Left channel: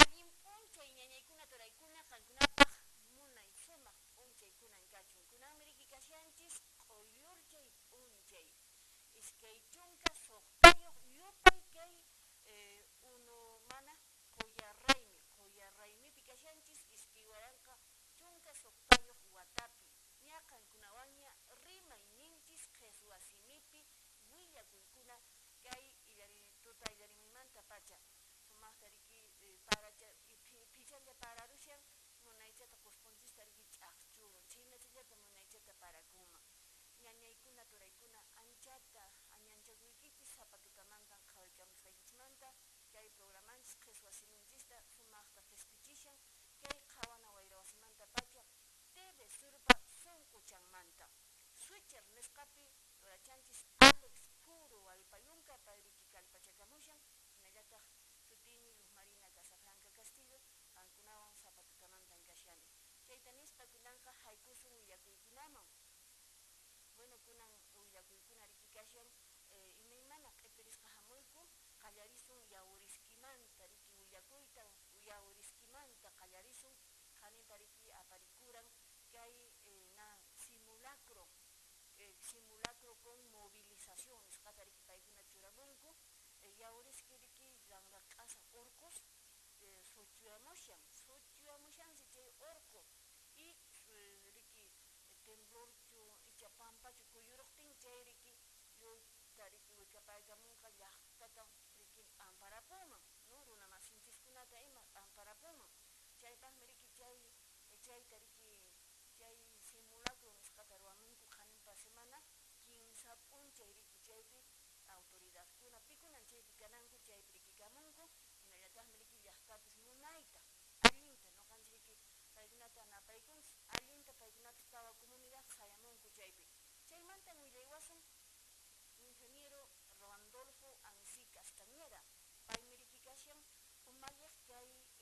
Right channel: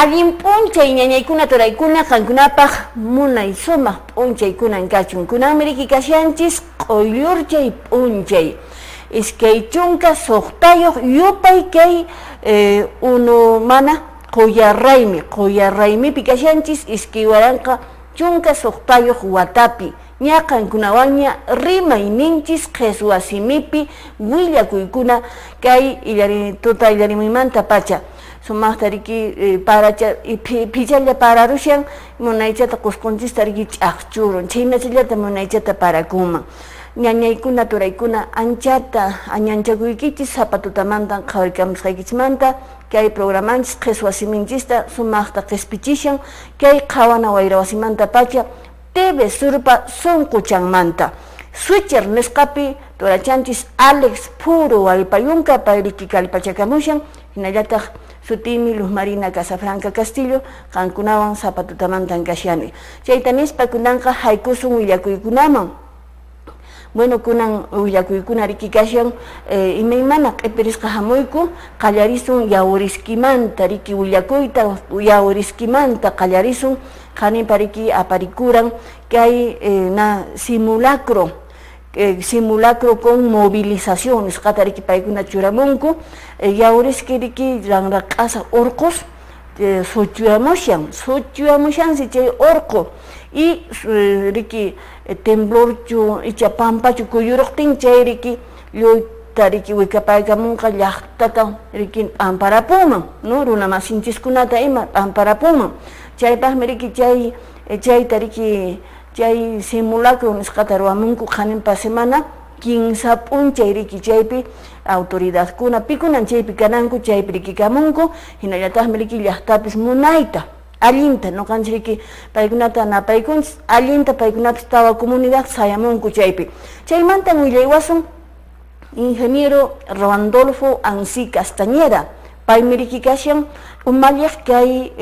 Allin p'unchay ñañaykuna turaykuna qankunapaq munay sumaq p'unchaykunan kachun. Kunanmi riki kashanchis q'ullurchay p'unchay. Iskay chunka suqtayuq yupay kay uno mana quyarraymipi kashanchis iskay waranqa chunka suqtayuq watapi. Ña qankunawanña rimayninchis qhichwasimipi willakuykuna kay tuta illarimuymanta pacha. Sumaqta riki paracha phichalla pararushan munaychata qusqunchista riki ch'aqchurun chaynachallata munaychata parakuman. Ñañaykuna turaykuna anchata añanchakuykichis sapatutamanta qhawarikamusqaykichismanta kay programanchis qhichwasiminchista sumaqta qhispichishan kay qhawana wayra wasimanta pacha TV Surpa sunquchanmanta. Switcher nisqapi turachanchis Alex Puro Wallpayunqa payriki kallpachakamushan hinallataq sutimi Luz Marina Casafranca Castillo qankunawan sapatutamantan kashani. Chayta nispa kunanqa haykusun willakuykunaman. Bueno, kunan willakuykuna riki kashan imaymana q'ipirisqa hamuyku qallarisun yawriskimanta riki willakuyta yawriskimanta qallarisun qanipa riki aparikuran kay na simulacro con movilización nisqata riki paykuna churamunku yawriski riki ranraq'asa urqus suchuyamushansi chay urqu y riki temblorchu icha pampachu kuyuruqtin chay riki lluyta riki wikapaykamunqa llaqtata riki p'amparapuman no runa masinchikkunata ima p'amparapuman chaypaqmi riki chayta riki chay simulacro nisqata ruwamunku qhaninpa semana 15 p'unchay riki chaypi autoridadkuna pikunan chaypi kananku chaypi riki kamunku hinallataqmi riki llaqtapis munayta allinta nuqanchik riki paykunata napaykunchis allinta paykunapis tawa comunidad sayamunku chaypi chaymantan willaywasun ingeniero Randolfo Ansi Castañeda paymi riki kashan umallaq kay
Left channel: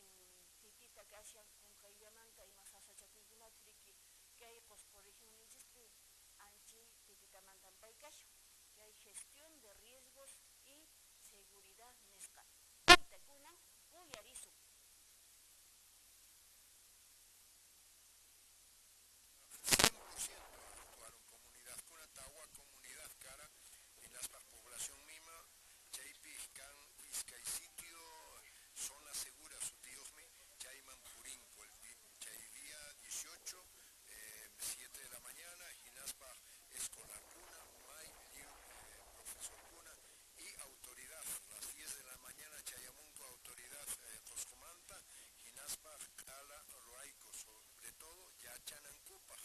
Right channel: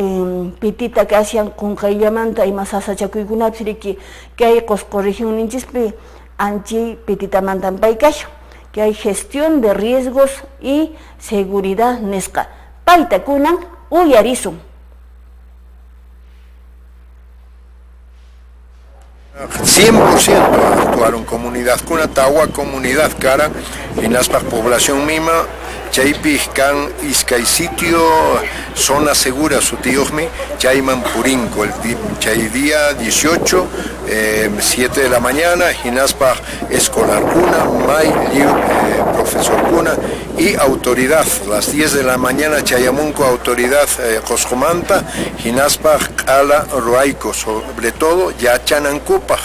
pitita kashan qunqayllamanta ima sasachakuykunapis riki kay Qusqu regionninchispi anchi pititamantan pay kashan kay gestión de riesgos y seguridad nisqa payta kunan uyarisun. 100% actuaron comunidad kuna tawa comunidad cara en las población misma chaypi kan iskay sitio zona segura sutiojmi chayman purinko el chay día 18 7 de la mañana hinaspa escolar kuna may profesor kuna y autoridad las 10 de la mañana chayamunko autoridad Coscomanta hinaspa ala ruaico sobre todo ya chanankupa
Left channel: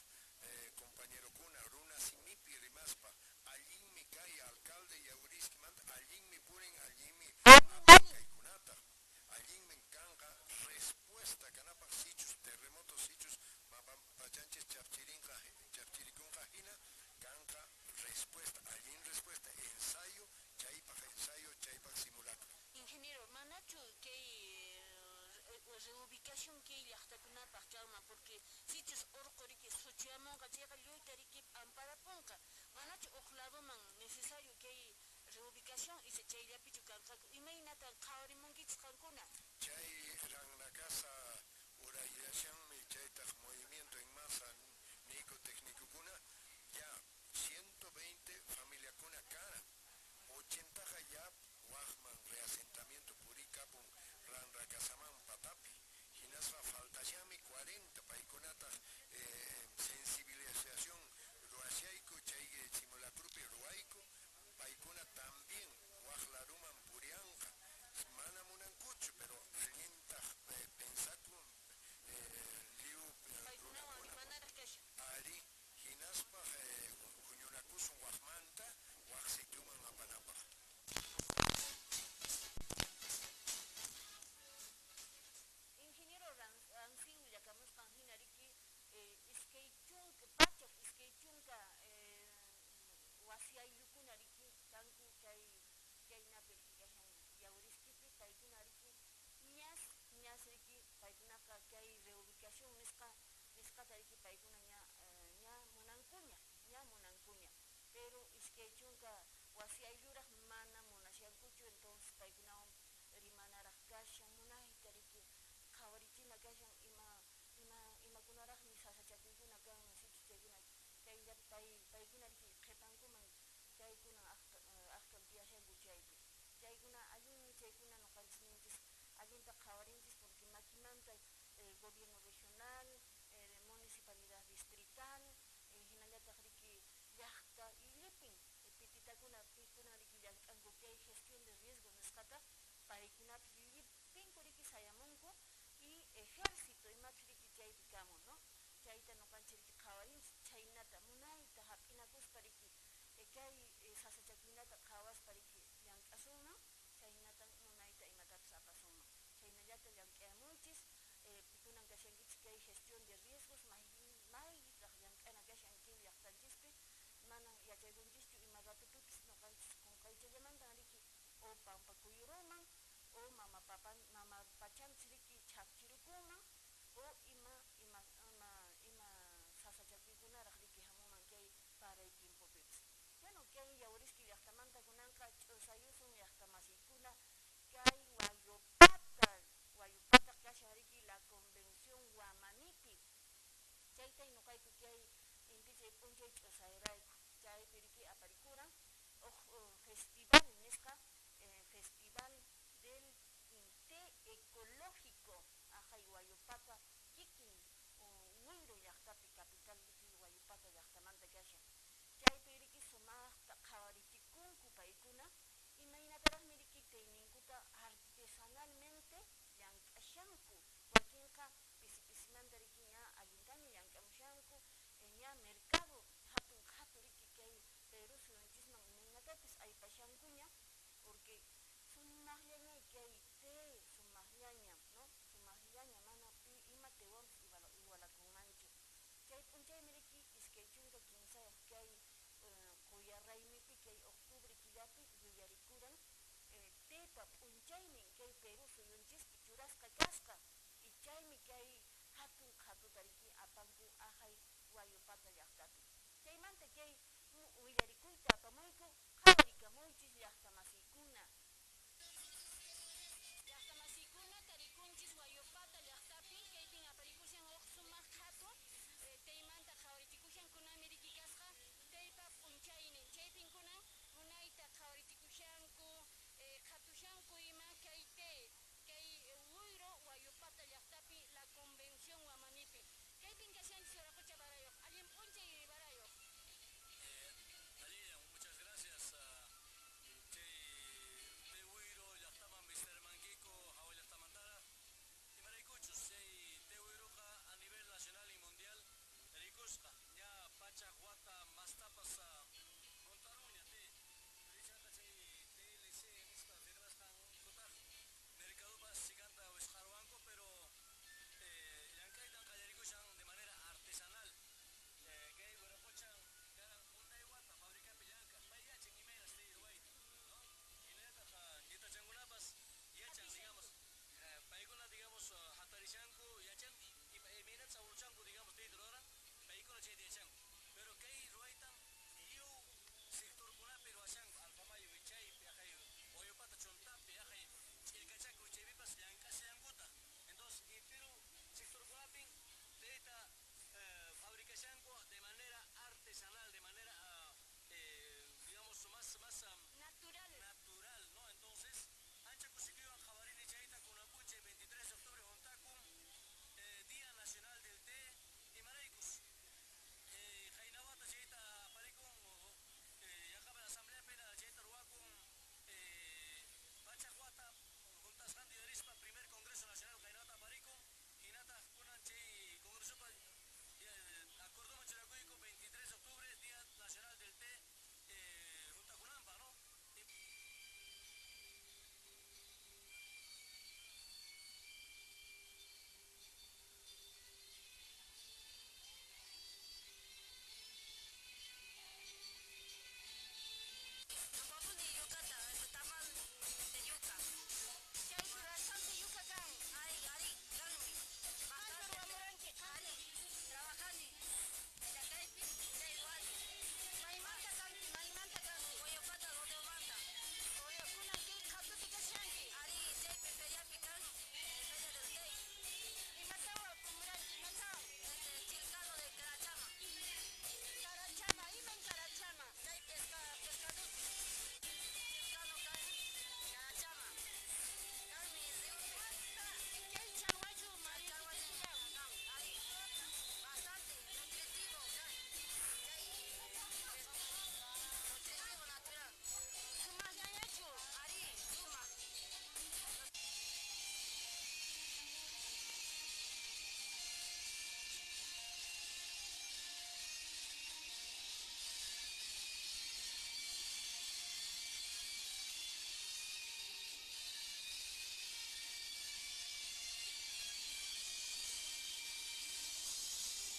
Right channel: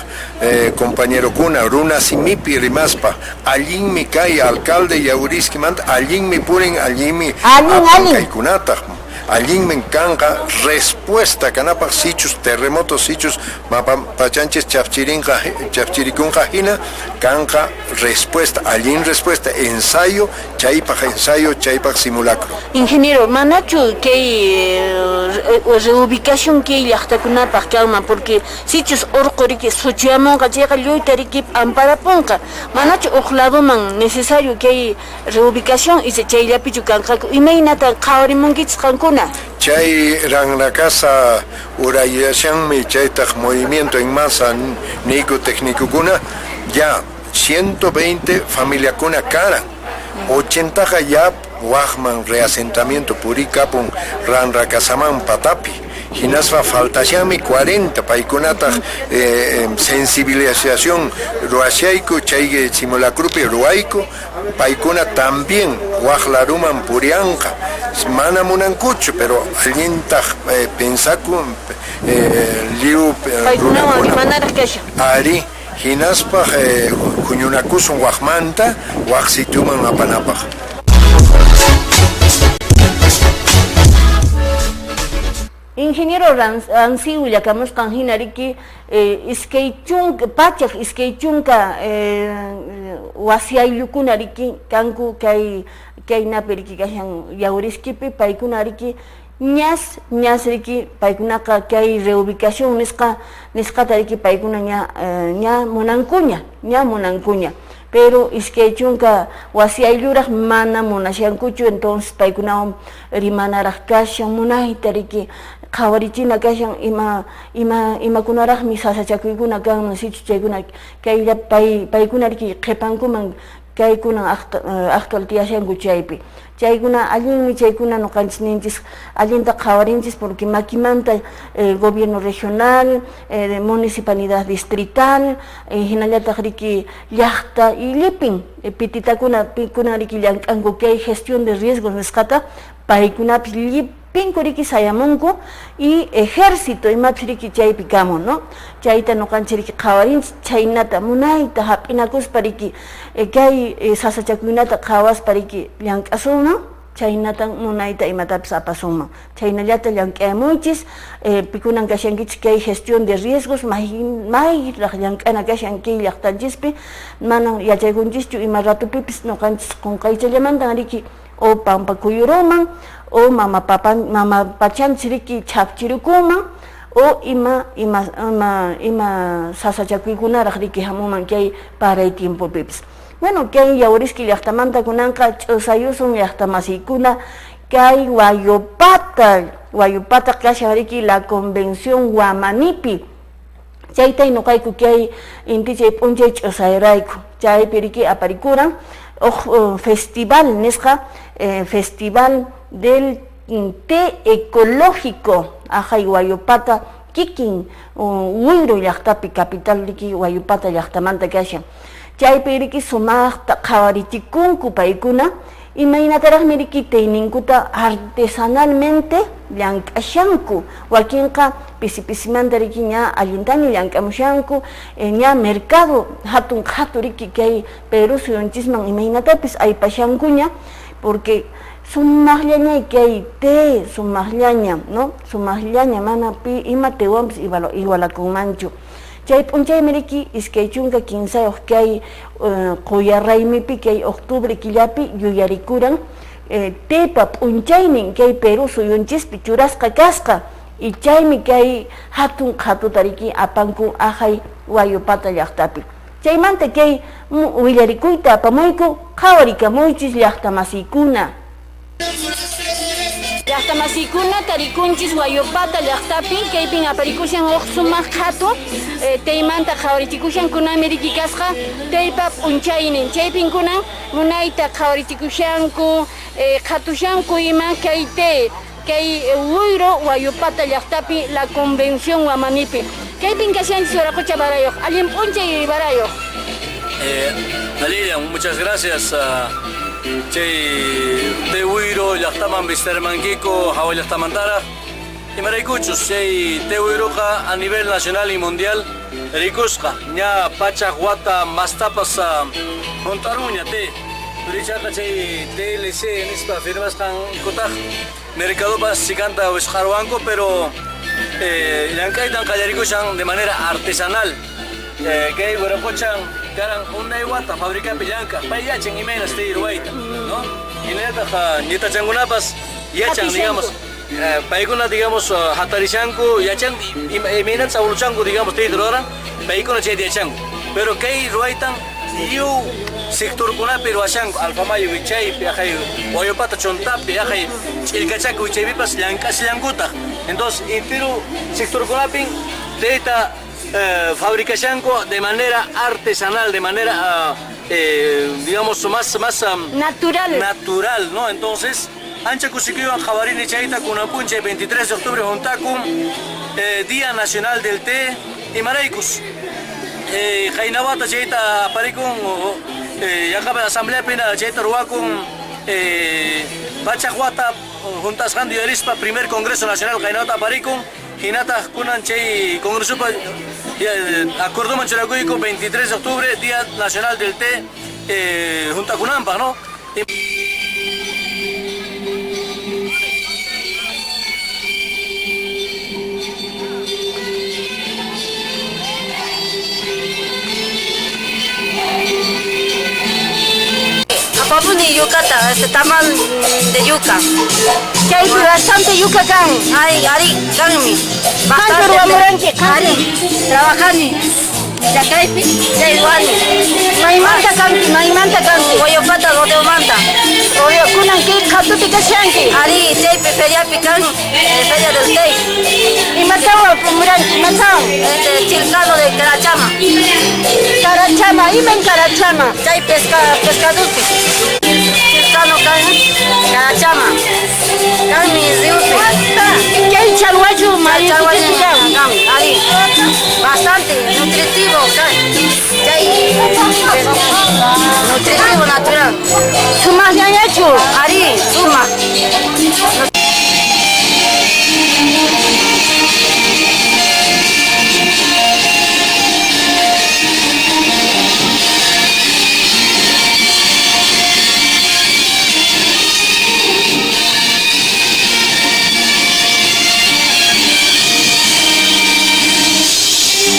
compañero kuna runa simipi rimaspa allin mi kay alcalde yawriskimanta allin mi purin allin mi apankaykunata allin me encanta respuesta canapa sichus terremotos sichus pachanches chapchiricunja hina canja respuesta allin respuesta ensayo chaypa simulacro. Ingeniero manachu que reubicación que llaqtakunapaq kama porque sichus urquriki suchiamunqa chayqa lluyta riki amparapunqa manachu uqladoman necesario que reubicación y chayllapichu kanqaku imaynata qhawarimunkichis qankuna. Chay ranrakasa urayashanmi chaytaq movimiento en masa nico técnico kuna ya 120 familia kuna cara 80 ya wajman reasentamiento purikapun ranrakasaman patapi hinaspa faltashami 40 paykunata sensibilización ruashayku chay simulacrupi ruayku paykuna también wajlaruman purianqa mana munankuchu pero allinta pensaku liu ari hinaspa huñunakusun wajmanta wajsituman apanapaq. Ingeniero Ansi Willakamusqan hina riki iskay chunka pachaq iskay chunka wasiaylukuna riki kanku kaynapi riki kashan yawriskipi paykuna riki ñas riki paykunaqa kay reubicación nisqata riki paykuna ña munankuña pero iskay chunka wasi ayluraq mana munashankuchu, entonces paykunawan rimanaraq kashan munayta riki qhawarichina kashan imakunaraqmi sasachakuykuna kanman sichu chaykuna kaylla paykuna riki qhipankuman kaykunan actual tiyashanku chaypi. Chaykuna allinmi chaykuna nuqanchis ninchis allinta qhawarinchis porque makimanta gobierno regional, municipalidad distrital, hinallataq riki llaqta y llipin pititakuna riki llank'anku kay gestión de riesgos nisqata paykunapis llipinku riki sayamunku y ejército imapis riki chaypi kamun, no? Chayta nuqanchis riki qhawarinchis chaynata munayta hap'inakuspa riki kay sasachakuynata qhawaspa riki llank'asunman chaynata munayta imatapis apasunman. Chaynallata llank'ayamuychis, pikunan kashankichis kay gestión de riesgos mayraq llank'ana kashan kay llaqtanchispi mana yachaykunchischu ima ratupipis nuqanchis qunqaychallamantan riki o pampa kuyuruman o mama pachanchis riki chapchirukuman o ima sasachakuykunaraq riki hamuman kay paray tiempopipis. Bueno, kay yawriski llaqtamanta kunanqa ch'usayusun llaqtamasiykuna kay Wayupata kashan riki la convención Wamanipi. Chaytay nuqayku kay inti chay p'unchay ch'usayrayku chaypi riki aparikuran festival nisqa festival del té ecológico ajay Wayupata kikin Huiro llaqtapi capital riki Wayupata llaqtamanta kashan. Chaypi riki sumaqta qhawarichikunku paykuna imaynataraqmi riki tayninkuta artesanalmente llank'ashanku wakinqa pisi-pisimanta riki ña allintami llank'amushanku ña mercado hatun riki kay Perú suyunchisman imaynatapis aypashankuña porque sumaqllañay kay té sumaqllaña, no? Sumaqllaña mana pi ima tewanpis igualakunmanchu. Chay p'unchaymi riki iskay chunka kinsayuq kay quyarraymipi kay octubre killapi yuyarikuran tepa p'unchaynin kay Perú suyunchispi churasqa kasqa y chaymi kay hatun qhatuta riki apanku ajay Wayupata llaqtapi. Chaymanta kay willarikuyta apamuyku qhawarikamunchis llaqtamasiykuna. Llaqtamasiykuna tarikunchis Wayupata llaqtapi kaypin aparikushan sumaq qhatu taymanta qhawarichikushankunami riki kasqa taypa p'unchaynin chaypin kunan munayta qhawarichikushanku qhatushanku ima kay Huiro Wayupata llaqtapi la convención Wamanipi kaypin kashanchis waraqucha barayuq allin p'unchay barayuq. Lilian, muchas gracias. Chay de Huiro llaqtaman Vistermanquico hawa llaqtamantara imaraykuchus chay te Huiroqa a nivel nacional y mundial rikusqa ña pachaq wata mastapas juntaruña te Urichaqa chay TLC nispa firmasqan kutaq mercadopas chikanta wisqarwanku pero llank'aytan qallarikushan de manera artesanal kay waraquchan karan unay wata fabricapi llanka pay yachan imaynas te ruwayta, no? Hinallataq ñitachankunapas yachan digamos paykuna digamos hatarishanku yachan imaynata sawluchanku digamos te ruwaran paykuna chayta yachanku pero kay ruwaytan yu sectorkunapi ruwashanku Alfamayo wichaypi ajay Wayupata chontapi ajay ch'illkachaku wichaypipas llank'asllankutaq entonces intiru sectorkunapi tayta fabricashanku de manera artesanal, de manera, digamos, más natural, ¿no? Entonces, ancha kusikiwan jabarini chayta kunapunche 23 de octubre juntakum, Día Nacional del Té y Maraikus. Jainawata chayta aparikun, yakaba asamblea pina chayta ruwakun, Pachahuata juntas Handu Yarispa, primer Congreso Nacional Jainawata aparikun, Hinata kunan chay Congreso Acuerdo Manchuracuyco, 23 de octubre, Día Nacional del Té, junta Kunampa, ¿no? Apapun de yucata, tamal de yuca. ¿Qué hay bastante yuca can? Ay, ari, canmi. ¿Cuánto ruamuranque? Ari, trabajani. Chacaypi, Chayuani. Maymanta kanki. Guayopata, rodeo manta. Oye, kunan ki khatuti kashanki. Ari, Chaypi, feria pican, feria del Tey. Y matawa pumuranki, matawa. Chilcano de Carachama. Carachama, imen Carachama. Chay pescadupi. Chilcano can, Carachama. Can mi riupi. ¿Qué hay chalhuayu, marido? Ari, bastante nutritivo, can. Chay, nutritivo natural. Suma yayachu. Ari, suma.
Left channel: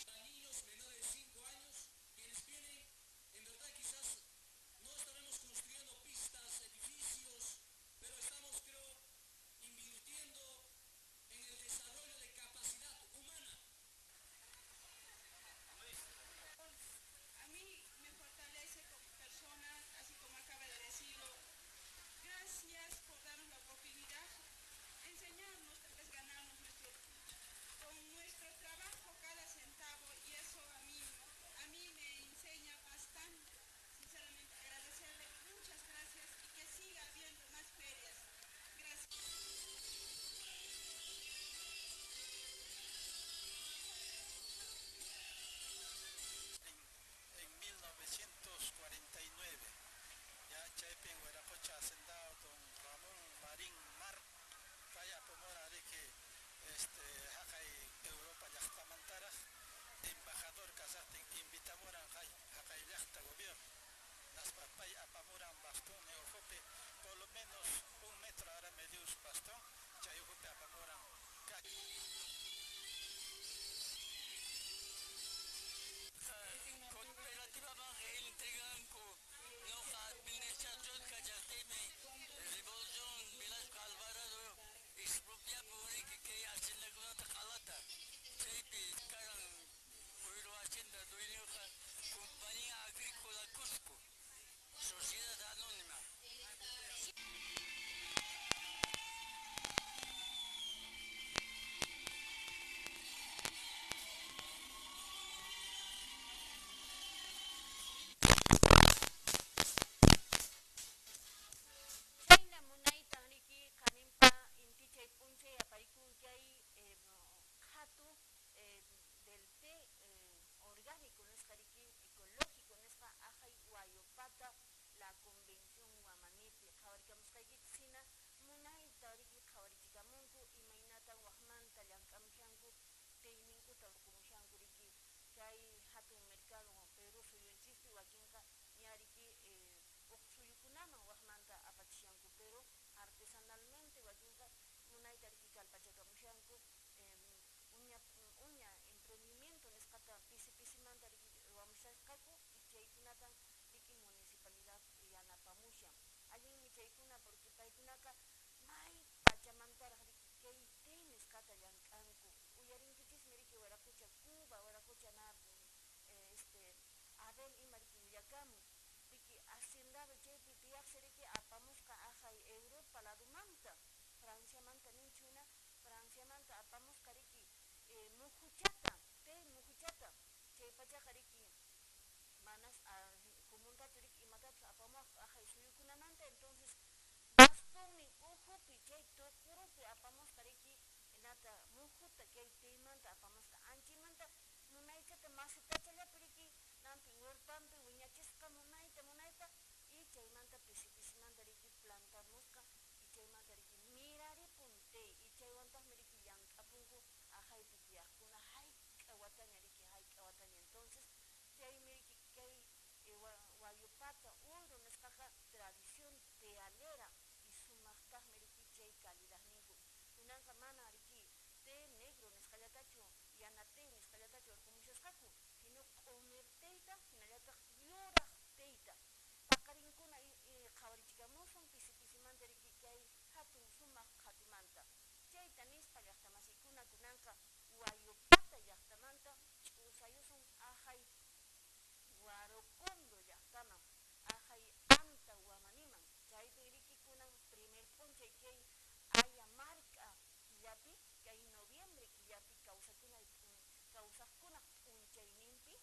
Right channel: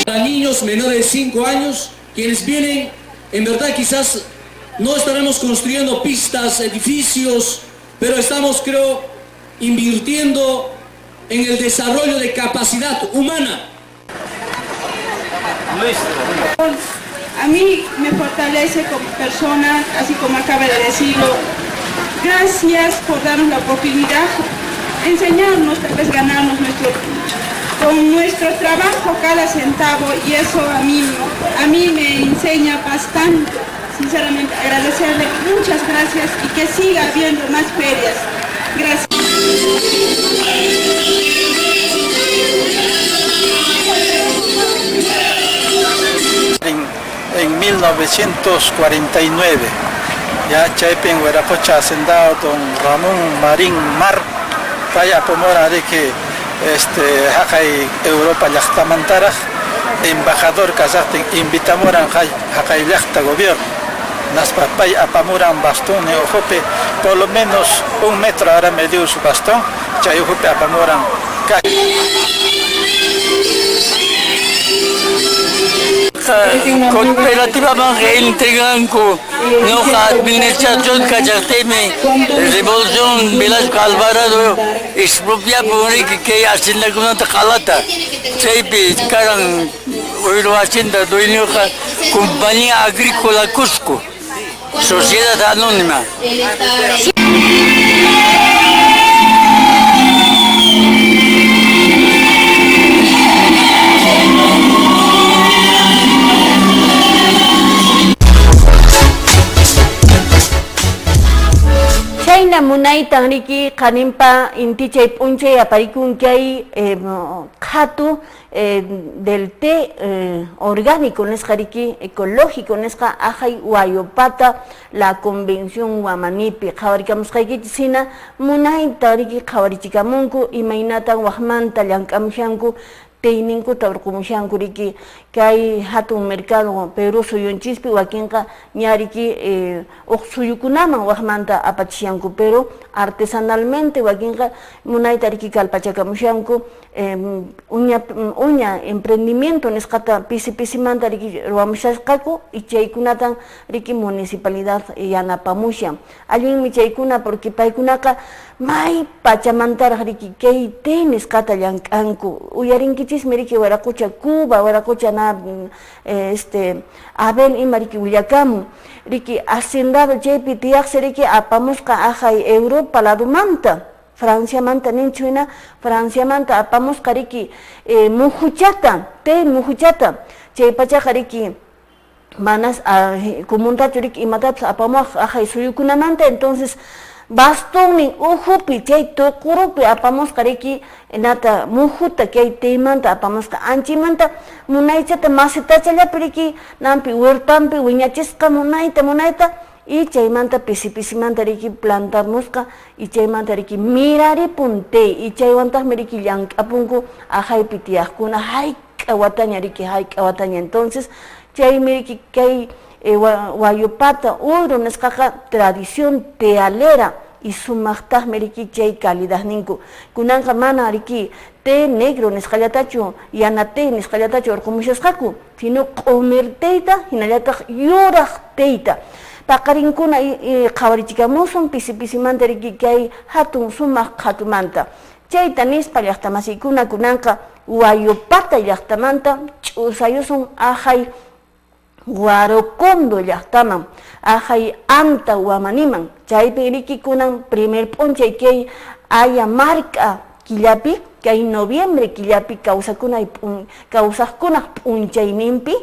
Para niños menores de 5 años, quienes vienen, en verdad quizás no estaremos construyendo pistas, edificios, pero estamos, creo, invirtiendo en el desarrollo de capacidad humana. A mí me fortalece como persona, así como acaba de decirlo. Gracias por darnos la oportunidad, enseñarnos, tal vez ganarnos con nuestro trabajo cada centavo, y eso a mí me enseña bastante. Sinceramente, agradecerle, muchas gracias, y que siga habiendo más ferias. Gracias. En 1949, ya Chaypi en Huiracocha, hacendado don Ramón Marín Mar, vaya pomora de que Hakay Europa Yachtamantara, embajador Kazakh, invitamoran Hakay Yachta gobierno, Naspapay apamuran bastón, Ojope, por lo menos 1 metro ahora medio su bastón, Chay Ojope apamuran. Cooperativamente entregan con nuestra administración Cachasteme, Revolución Velasco Alvarado, expropia por que hacienda con una calata, Chaypi, Caran, Oiro Hacienda, dueño Compañía Agrícola Cusco, Sociedad Anónima. Chayna munay tangriki kanimpa inti chay punche aparikun kay khatu del té orgánico neskariki ecológico neska ajay Huayopata la convención Huamanipi khawarikamos kayki sina munay tangriki khawarichikamunku imaynatan wahmanta llankamshanku Teininku taurkumushanku riki kay hatun mercado Perú suyunchispi wakinqa ñariki suyukunaman waqmanta apachishanku pero artesanalmente wakinqa munayta riki kalpachakamushanku uña emprendimiento nisqata pisimanta riki ruwamushasqaku y chaykunatan riki municipalidad yanapamushan allinmi chaykuna porque paykunaqa may pachamantaraq riki kay nisqata llank'anku uyarinkichis riki Waraqucha Cuba Waraqucha na Abel ima riki willakamun riki hacendado chaypi tiyaqsi riki apamusqa ajay Europa ladumanta Francia manta ninchuna Francia manta apamusqa riki muhuchata chay pachaqa riki manas kumuntachu riki imatapas apamuq ajay suyukunamanta entonces bastón ujupi chay tukurupi apamusqa riki nata mujuta kay teymanta apamusqa anchimanta munaychata masitachallapi riki nampi huertampi wiñachisqa munayta y chaymanta pisimanta riki plantamusqa y chaymanta riki miraripun y chaywantaqmi riki llank'apunku ajaypi tiyaqkuna hayk'awataña riki hayk'awataña entonces chaymi riki kay Huayopata uru nisqaqa tradición tealera y sumaqtaqmi riki chay calidad ninku kunanqa mana riki té negro nisqallatachu yana té nisqallatachu urqumushasqaku sino q'umir teyta hinallataq yuraq teyta paqarinkuna qhawarichikamusun pisimanta riki kay hatun sumaq qhatumanta chayta nispa llaqtamasiykuna kunanqa Guayopata llaqtamanta ch'usayusun ajay Guarocondo llaqtaman ajay anta Guamaniman chaypi riki kunan primer p'unchay kay aya marca killapi kay noviembre killapi kawsaqkunaq p'unchayninpi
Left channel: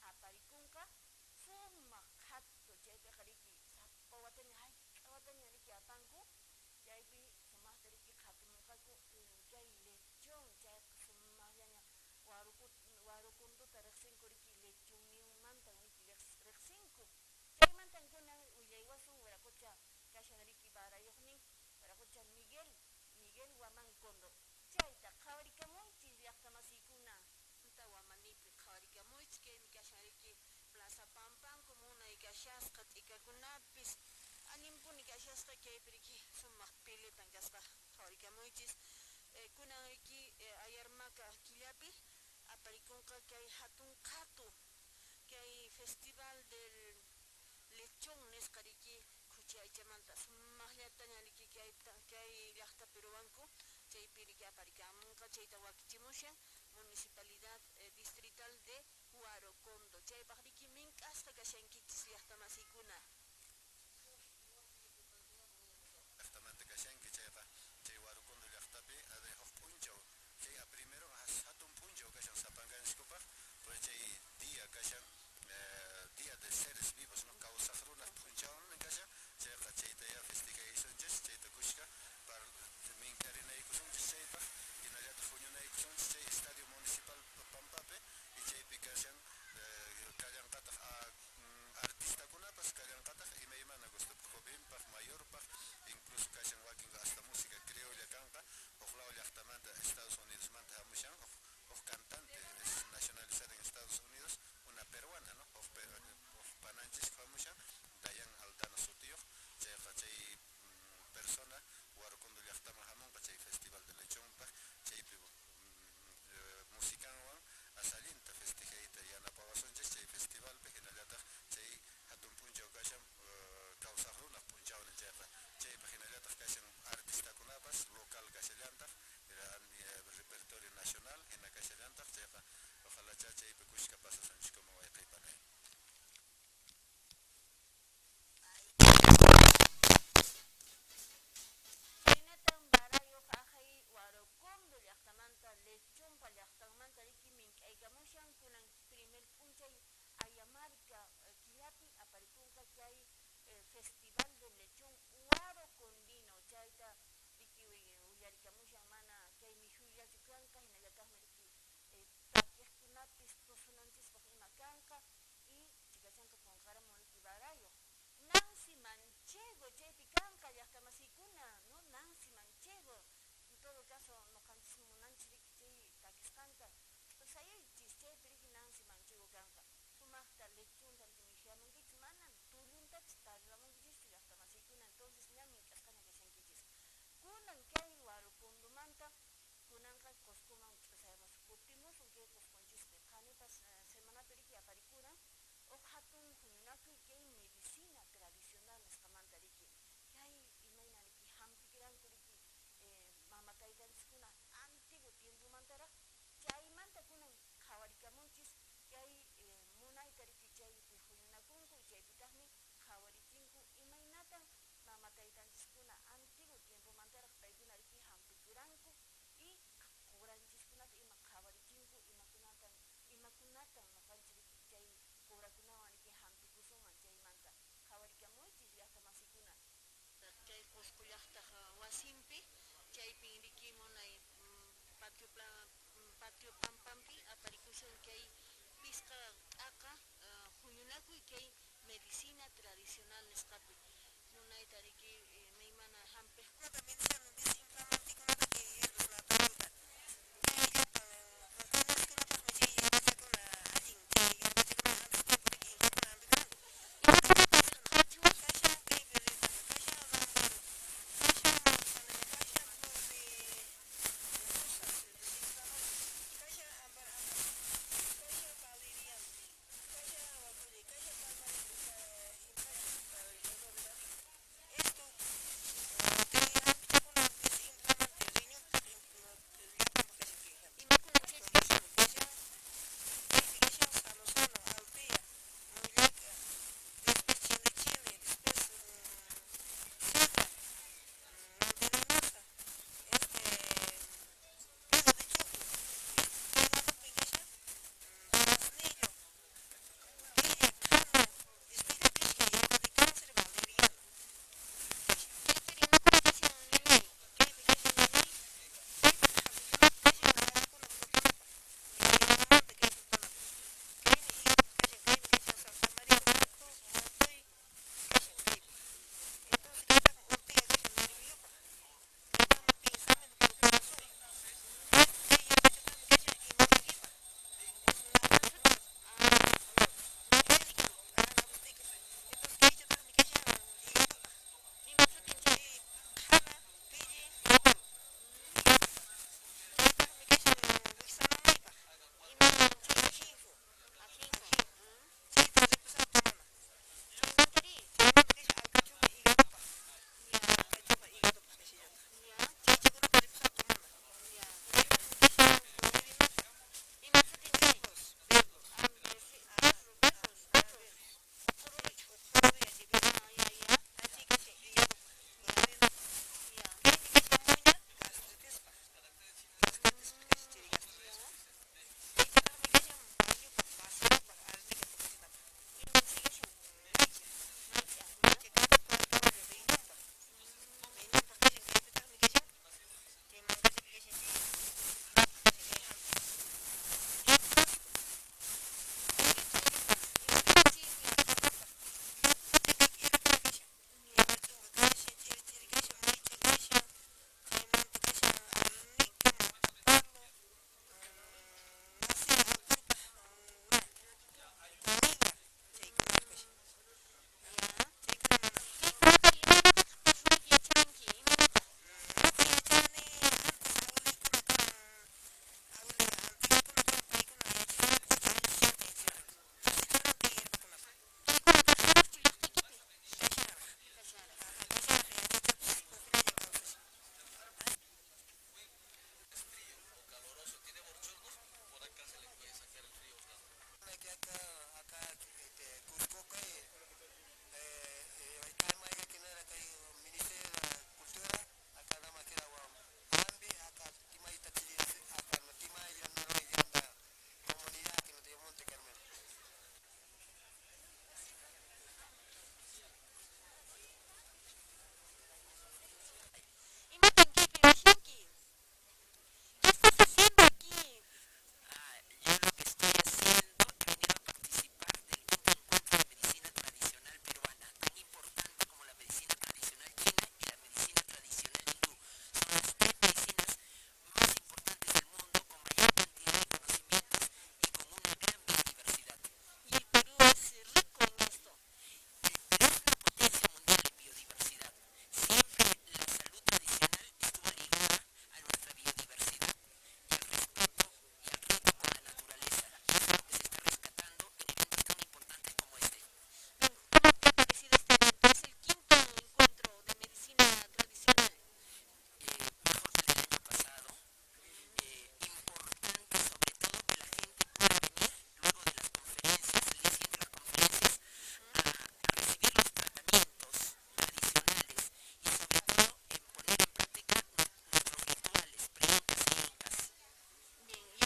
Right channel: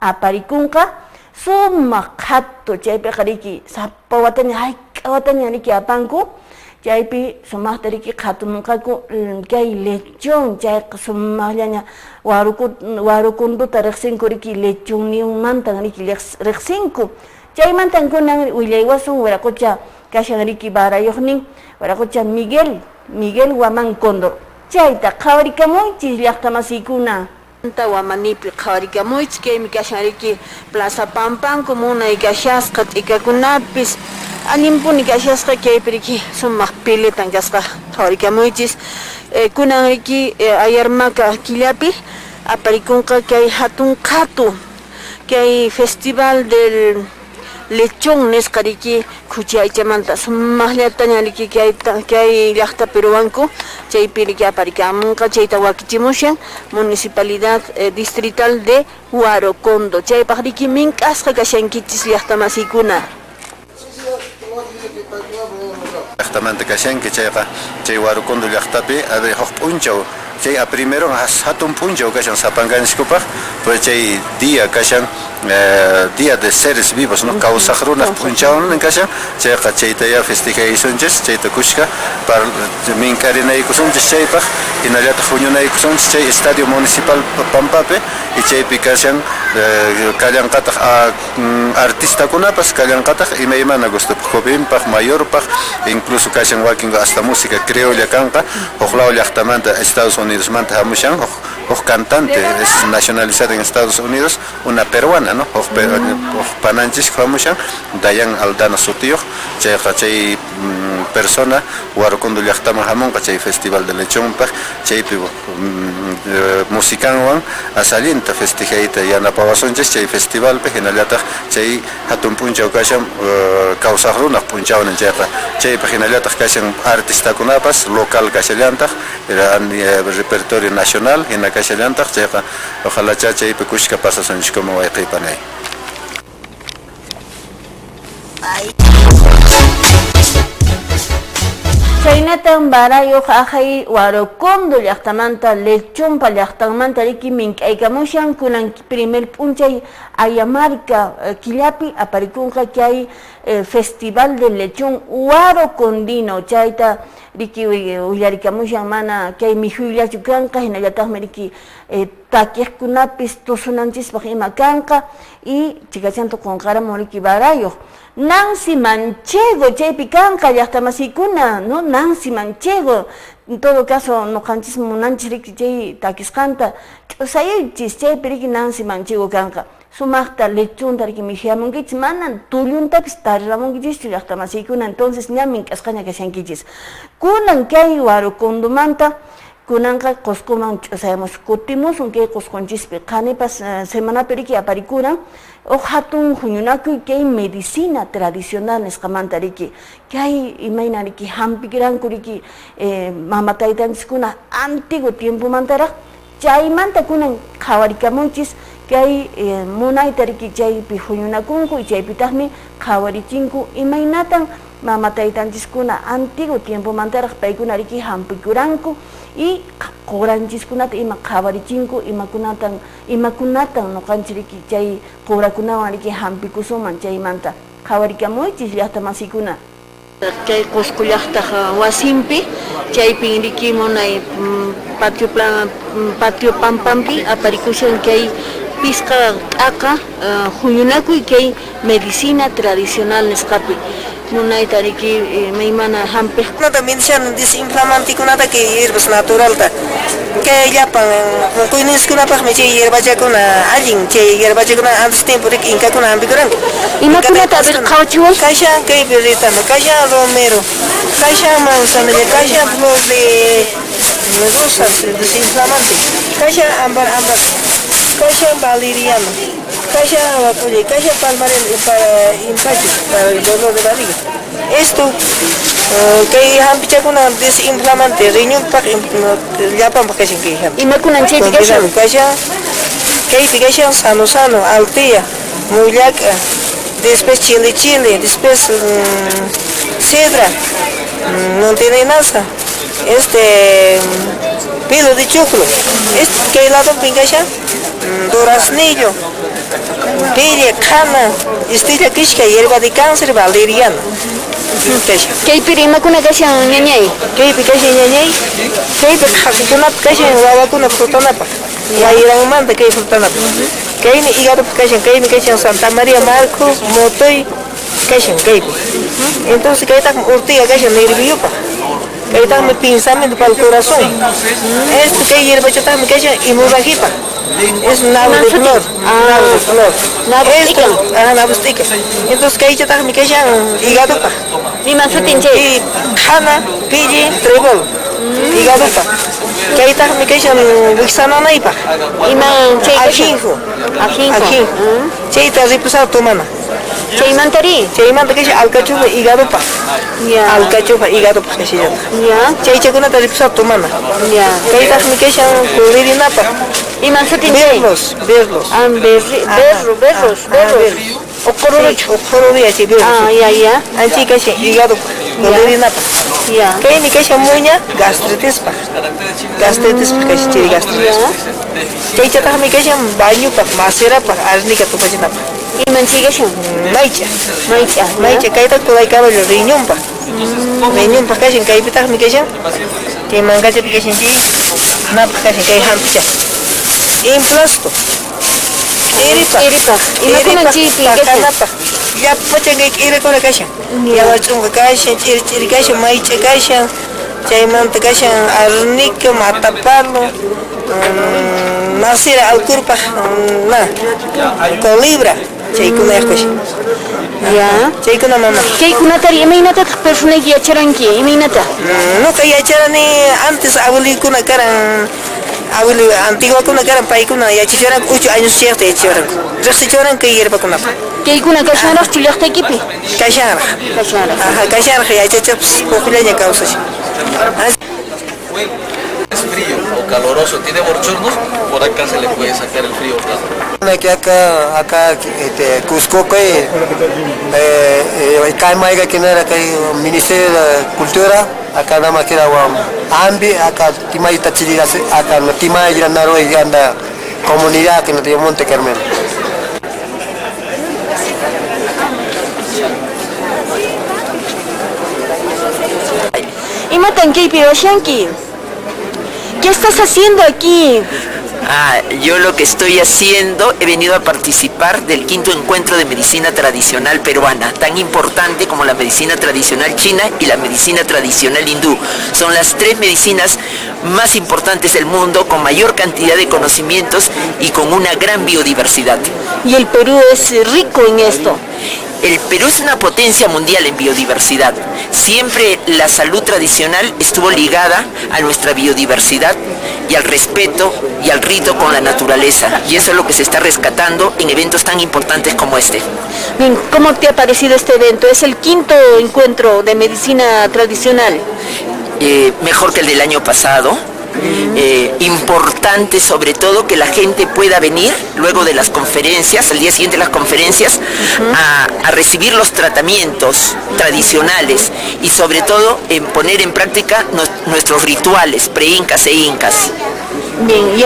aparikunqa sumaq qhatu chaypi riki sapa wataña hayqa wataña riki apanku chaypi sumaqta riki qhatumunqaku kay lechon chayqa sumaqllaña warukunduta riqsinku riki lechon niyunmantan riki riqsinku chaymantan kunan willaywasun wiraqucha kashan riki barayuqnin wiraqucha Miguel Guamán Condor chayta qhawarikamunchis llaqtamasiykuna Wamanipi qhawarikamunchis kaymi kashan riki Plaza Pampanku munay kashasqa t'ikakunapis animpuni kashasqa kaypi riki sumaq piletan kasqa qhawarikamunchis kunan riki ayarmaka killapi aparikunqa kay hatun qhatu kay festival del lechón nisqa riki khuchi aychamanta sumaqllataña riki kay llaqta peruanku chaypi riki aparikamunqa chayta wakichimushan municipalidad distrital de Huarocondo chaypaq riki mink'asqa kashankichis llaqtamasiykuna llaqtamanta kashanki chayqa chay Huarocondo llaqtapi abe huk p'unchaw chay a primero hatun p'unchaw kashan sapanganchikupaq pues chay día kashan Día de Seres Vivos, ¿no? Kawsaq runaq p'unchawnin kashan chayqa chaytaya festejaysunchis chayta kushka para mink'arinaykusunchis chaypaq hinallataq huñunaykusunchis chay estadio municipal Pampapi y chaypi kashan kallanqataq artistakunapas kallanqataq imaymana gustup jovenpaq mayorpaq incluso kashan wakinqa hasta música criolla kanqa huqlaw llaqtamanta Estados Unidos manta hamushan huk cantante es nacionalizada en Estados Unidos una peruana ¿no? Pananchis famushan Dayan Aldana Sutiyuq chayqa chay persona Huarocondo llaqtaman hamunqa chay festival de lechonpaq chaypi musicanwan asallinta festejayta yanapawasunchis chay festivalpi hinallataq chay hatun p'unchaw kashan kawsaq runaq p'unchawnin chayqa chaypi hinallataq kashan artistakunapas local kashallantaq repertorio nacional hina kashallantaq chayqa ojalá chaypi kushka pasasunchikuma wayqipanay Chaynatan barayuq ajay Huarocondo llaqtamanta lechonpa llaqtanmanta riki mink'aykamushan kunan primer p'unchay Ayamarca killapi aparikunqa kay festival de lechón Huarocondino chayta riki willarikamushan mana kay mihuyllachu kanqa hinallataqmi riki takiqkunapis tusunanchispaq ima kanqa y chikachantu qunqaramun riki barayuq Nancy Manchego chaypi kanqa llaqtamasiykuna no Nancy Manchego en todo caso nuqanchis munanchis riki chay takisqanta ch'usayuychis chaypi riki Nancy Manchego kanqa sumaqta lechonta riki mijiamunkichis manan tulluntapis tariramunkichis llaqtamasiykuna entonces ña mink'asqaña kashankichis kunan kay Huarocondomanta kunanqa Qusquman ch'usaymus kutimusun kay Qusqunchispi qanipas semanapi riki aparikuran hatun huñunakuy kay medicina tradicional nisqamanta riki kay imayna riki hampikiranku riki mamataytanchiskuna antiguo tiempomantaraq chaymanta kunan qhawarikamunchis kay munayta riki chaypi huñunakunku y chaypitaqmi qhawarichinku imaynatan mamataytanchiskuna antiguo tiempomantaraq paykuna riki hampikuranku y quranchiskunata ima qhawarichinku imakunatan nuqanchis riki chay qurakunawan riki hampikusuman chaymanta qhawarikamunchis llaqtamasiykuna kay Qusqu llaqtaq wasinpi chaypin riki munay patio Pampampi aparikushan kay pisqa t'aqa huñunakuy kay medicina tradicional nisqapi munayta riki maymana hampiq también sean desinflamantikunata que hierbas naturalta que llapan kuyniskunapaqmi chay hierbachakuna allin chay hierbachakuna antes tiempo riki inkakuna hampikuran imakunata bir qhawchiwan kasha kaypi ritana kasha romero kasha manzanilla kasha flor de rosas desinflamante kasha ambar kasha valeriano Caja palmarel para empacho, para el dolor de barriga. Esto, que hampichakuna desinflamante, riñón para llapan para que ¿Y me cunan chepi que son? Caja, que sano, altea, mullaca, después chile, después cedra, no tiene nada. Pelo de choclo, que lado pingasha, duraznillo, pilla, cana, estilla quisca, hierba de cáncer, valeriana. ¿Qué pirima con que sean ñañay? ¿Qué picaje ñañay? ¿Qué picaje una frutanapa? Ya irán manda que frutanapa. ¿Qué ni hígado picaje Santa María Marco, Motoy, que entonces que está urtiga que nerviosa. Que está mi pensamiento para el corazón. Esto que hierba yo también que inmubajipa. Es un nabo de flor. Esto, nabustica. Entonces que yo también que hígado pa. Ni más tinche. Y jana, pille, trebol. Hígado pa. Que también que wixana naipa. Y man che ajinjo. Che está reposado tu mana. Cheimantari. Cheimanta que alcachofa hígado pa. Ya. Alcachofa hígado pa que se llama. Ya. Cheichakuna taripsa tu mana. Ya. Que está mi que cubririna pa. Y man tinche. Verlos. Berros. Ocorori así verlos. Ya. Anchi que se hígado pa. Cubririna pa. Ya. Que ni que se muña gastritis pa. Gastritis pa que se chiri gastritis. Cheichakuna mi que se baño pa, macera pa, arnica tu pa. ¿Y man sigue son? Maicha, que está todo ahí cabo el riñón pa. Riñón pa que se cae pita mi que se. Que manga se pique sin ti. Na pa que se cae hampicha. Implasto. Eripa. ¿Y no comen chipi? Ya pacha que quiere con la caja. Ya va chunga caja, chiri caja, maicha caja. Chaimanta caja, arnica, matapalo. Nasira al curpa, na. Colibra. Chaikuna yakush. Ya. Chaikuna mama. ¿Qué kuna tari? Imagínate persona que ya charanqui, imagínate. No que ya charani antes abueli kuna karan abueli antigua kuna karan pai kuna ya chicharan 8 años cierto ya chicharan. Resti chicharan que hierba kuna. ¿Qué kuna kashana chilakta equipi? Kashana. Ajá, kashana ya chichaps popular causa. Es frío o caloroso, tiene bochornos, por acá se le puede sacar el frío. Que acá Cusco que Caimaiga que no era que Ministerio de Cultura acá nada más que era Ambi acá Timaita Chile acá no Timaita Naro y anda comunidad que no tiene Monte Carmelo. Y matan que Piroshanki. ¿Qué estás haciendo aquí? Yo lo que estoy haciendo, he venido a participar del 5º encuentro de medicina tradicional peruana, tan importante como la medicina tradicional china y la medicina tradicional hindú. Son las 3 medicinas más importantes del mundo, con mayor cantidad de conocimientos y con una gran biodiversidad. Y el Perú es rico en esto. El Perú es una potencia mundial en biodiversidad. Siempre la salud tradicional estuvo ligada a nuestra biodiversidad y al respeto y al rito con la naturaleza. Y eso es lo que se está rescatando en eventos tan importantes como este. Bien, ¿cómo te ha parecido este evento? Es el 5º encuentro de medicina tradicional. Mejor que el del año pasado. Importante sobre todo que la gente pueda venir luego de las conferencias, al día siguiente de las conferencias, a recibir los tratamientos tradicionales y sobre todo en poner en práctica nuestros rituales pre-incas e incas. Bien,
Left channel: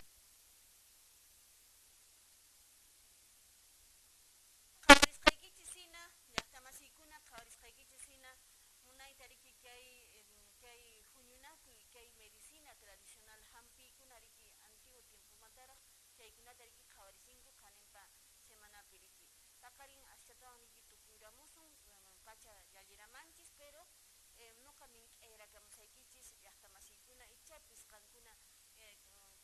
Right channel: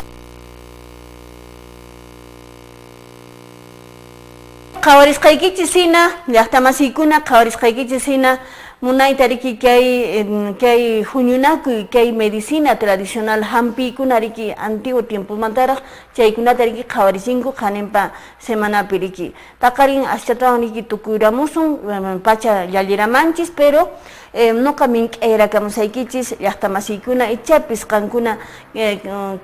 Kawarisqaykichisina, llaqtamasikuna kawarisqaykichisina, munaytariki kay huñunakuy kay medicina tradicional hampikunariki antiguo tiempo mantaraq chaykunatariki qhawarisinku qaninpa semanapiriki taqarin aschatawaniki tukuyramusun pacha llalliramanchis pero nuqa mink'ayrakamusaykichis llaqtamasiykuna ichapis qankuna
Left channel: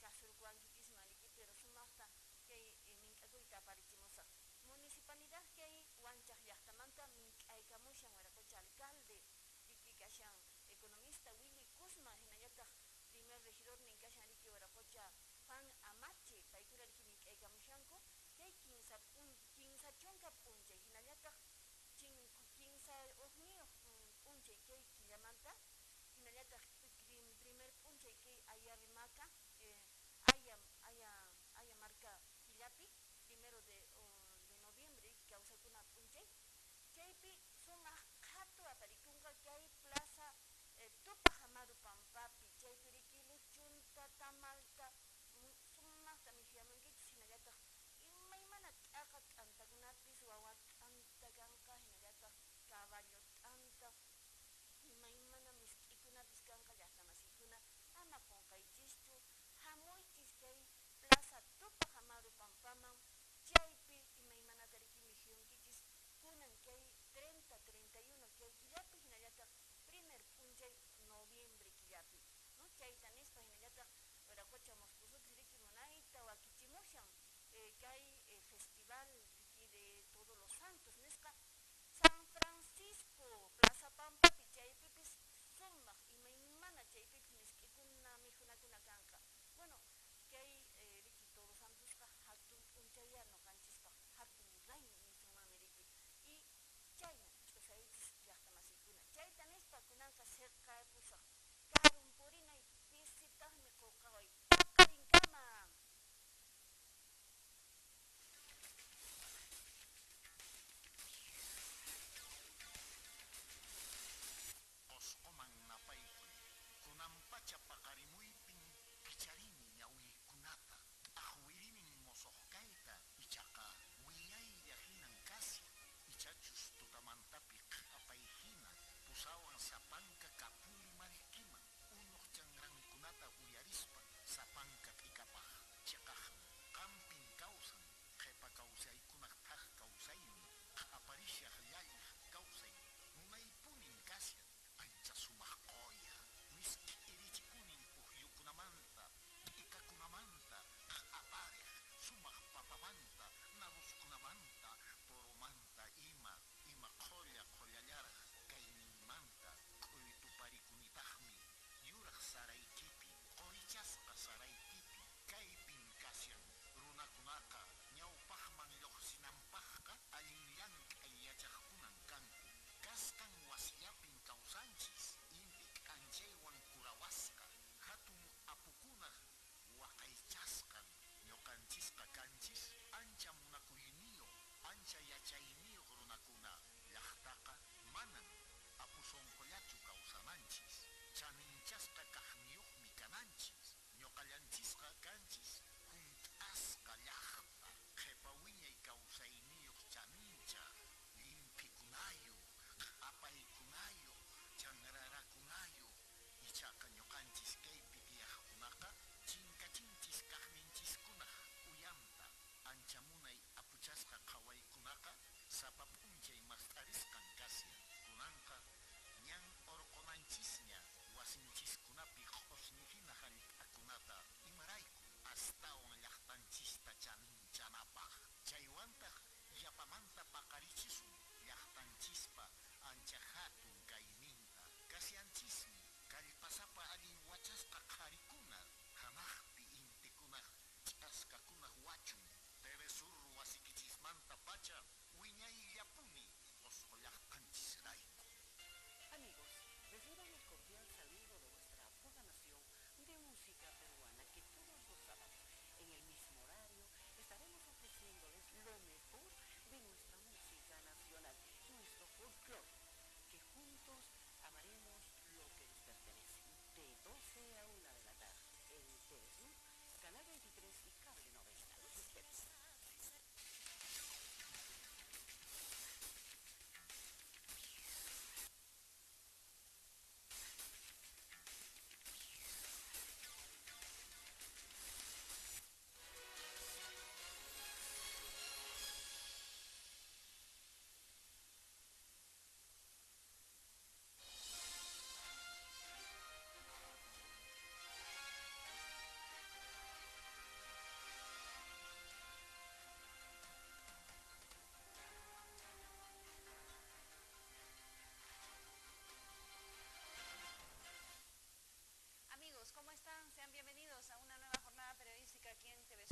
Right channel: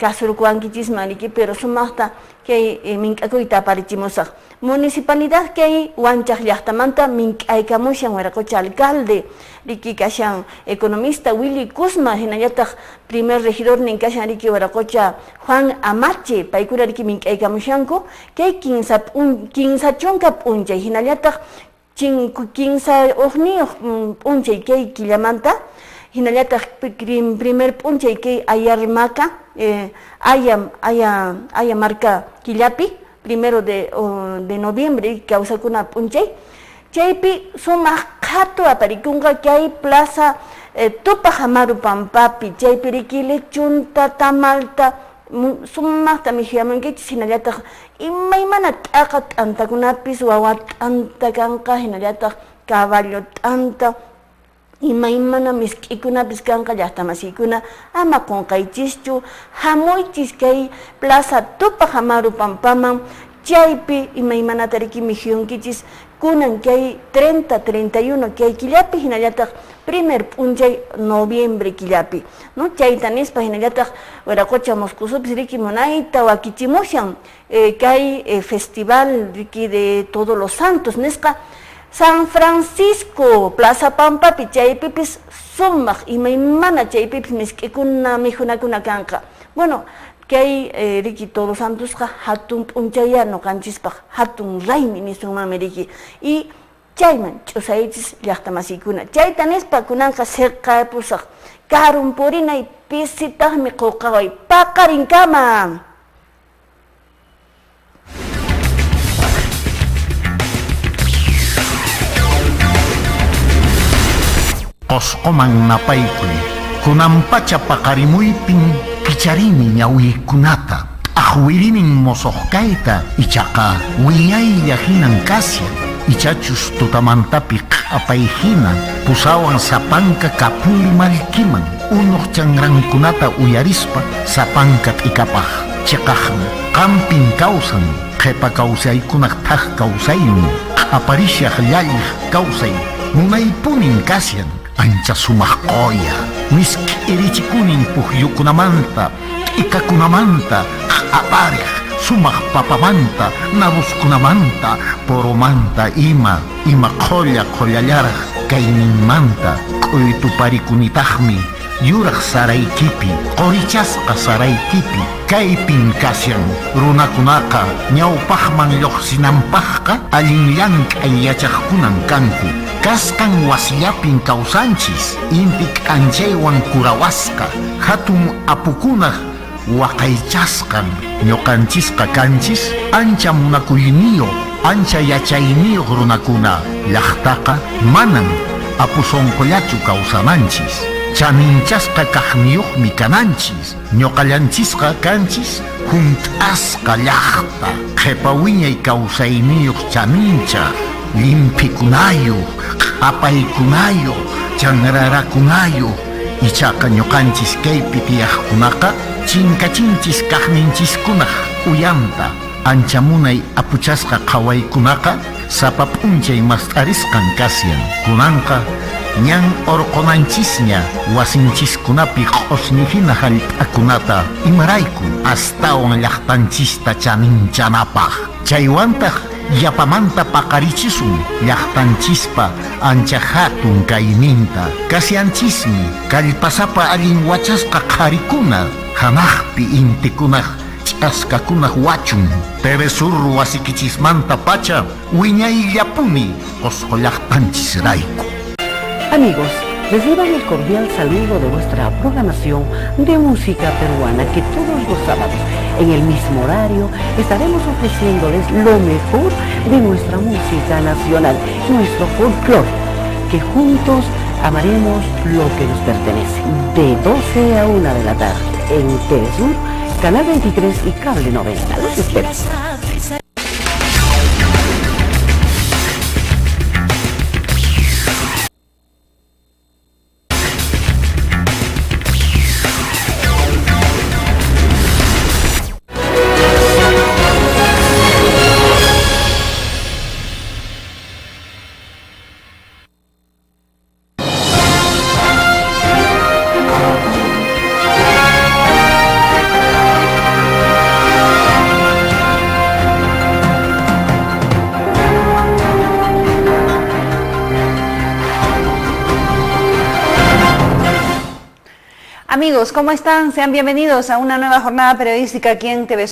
kasurkuwankichismaniki pero sumaqta kay mink'akuyta aparichimusaq Municipalidad que hay Huanchaj Llaqtamanta mink'aykamushan Huiracocha alcalde riki kashan economista Willy Kuzma hinallataq primer regidor nin kashan riki Waraqucha Juan Amache paykuna riki mink'aykamushanku kay kinsa chunka p'unchay hinallataq 15 uqniyuq p'unchay kay killamanta hinallataq primer p'unchay kay Ayarmaca Aya marca killapi primero de noviembre kawsakuna p'unchay chaypi sumaq qhatu aparikunqa kay plaza Tupac Amaru Pampapi chaypi riki lechunta tamalta sumaqta mijiamunkichis hinallataq imaymana t'aqa t'antakunapis wawa t'anta kanqa hinallataq caballo t'anta imaymana misk'ikunapis kanqa llaqtamasiykuna ama qunqaychischu hamuychis kay plaza Tupac Amaru Pampaman chaypi imaymanata riki mijiyunkichis kunan kay 30, 31 kay killapi hinallataq primer p'unchay noviembre killapi no chayta nispa hinallataq Waraqucha Moscosupis riki munayta wakichimushan kay festival riki de Todos los Santos nisqa San Francisco Plaza Pampapi chaypipis sumaq imaymana chaypipis misk'ikuna mijunakuna kanqa bueno kay riki Todos los Santosqa hatun p'unchaya noqanchispaq hatun raymi nisunmanmi riki y chayman ch'usaychis llaqtamasiykuna chayta nispa kunanqa sirqapusaq karun purinay pisitaqmi quqaway paqarinkama. Qosqoman napaykuy kunampacha paqarimuypin kicharini ñawiykunata ahwirimin mosoqkayta ichaqa willaylla hinan kasyan ichachus tutamantapi q'apay hina pusawan sapanka kapuli malkiman unuq chanrankunata uyarispa sapanka t'ikapaq chiqaqmi qampin kawsan qhipa kawsaykunaq thaq kawsaymi q'aparishaq llalliq kawsay munaypunin kasyan ancha sumaq qoya miski irichikunin puhyukunamanta t'ikakunamanta q'apariq sumaq papamanta nabuskunamanta poromanta ima qollallaraq kayninmanta q'uytuparikunitaqmi yuraq saraykipi qorichasqa saraykipi kaypin kasyan runakunaqa ñawpaqman lluqsinanpaqqa allin llank'ay yachaqkunan kanku kasqan wasiyapin kawsanchis inti k'anchaywan kurawasqa hatun apukunaq waqaychasqan ñuqanchisqa kanchis ancha munakuyniyuq ancha yachayniyuq runakuna llaqtaqa manan apusonqollachu kawsananchis chaninchasqa kaqniyuqmi kananchis ñuqallanchisqa kanchis hunt'asqa llaqta qhipa wiñay kawsayniyuq chanincha limpikunayuq q'apaykunayuq chanrarakunayuq ichaqa ñuqanchis kaypi tiyaqkunaqa chinkachinchis kaqninchiskunaq uyanta ancha munay apuchasqa qhawaykunaqa sapa p'unchay mast'arisqan kasyan kunanqa ñan orqonanchisña wasinchiskunapi q'osnihina hallp'akunata imarayku astawan llaqtanchista chaninchanapaq chaywantaq yapamanta paqarichisun llaqtanchispa ancha hatun kayninta kasyanchismi kallpasapa allin wachasqa qharikuna hanaqpi intikunaq ch'askakunaq wachun Teresur wasikichismanta pacha wiñayllapuni qosqo llaqtanchisrayku. Amigos, reciban el cordial saludo de nuestra programación de música peruana que todos los sábados en el mismo horario estaremos ofreciéndoles lo mejor de nuestra música nacional, nuestro folclore, que juntos amaremos lo que nos pertenece. De 12 a 1 de la tarde en Telesur, Canal 23 y Cable 90. Los espero. Amigos, ¿cómo están? Sean bienvenidos a una nueva jornada periodística aquí en TV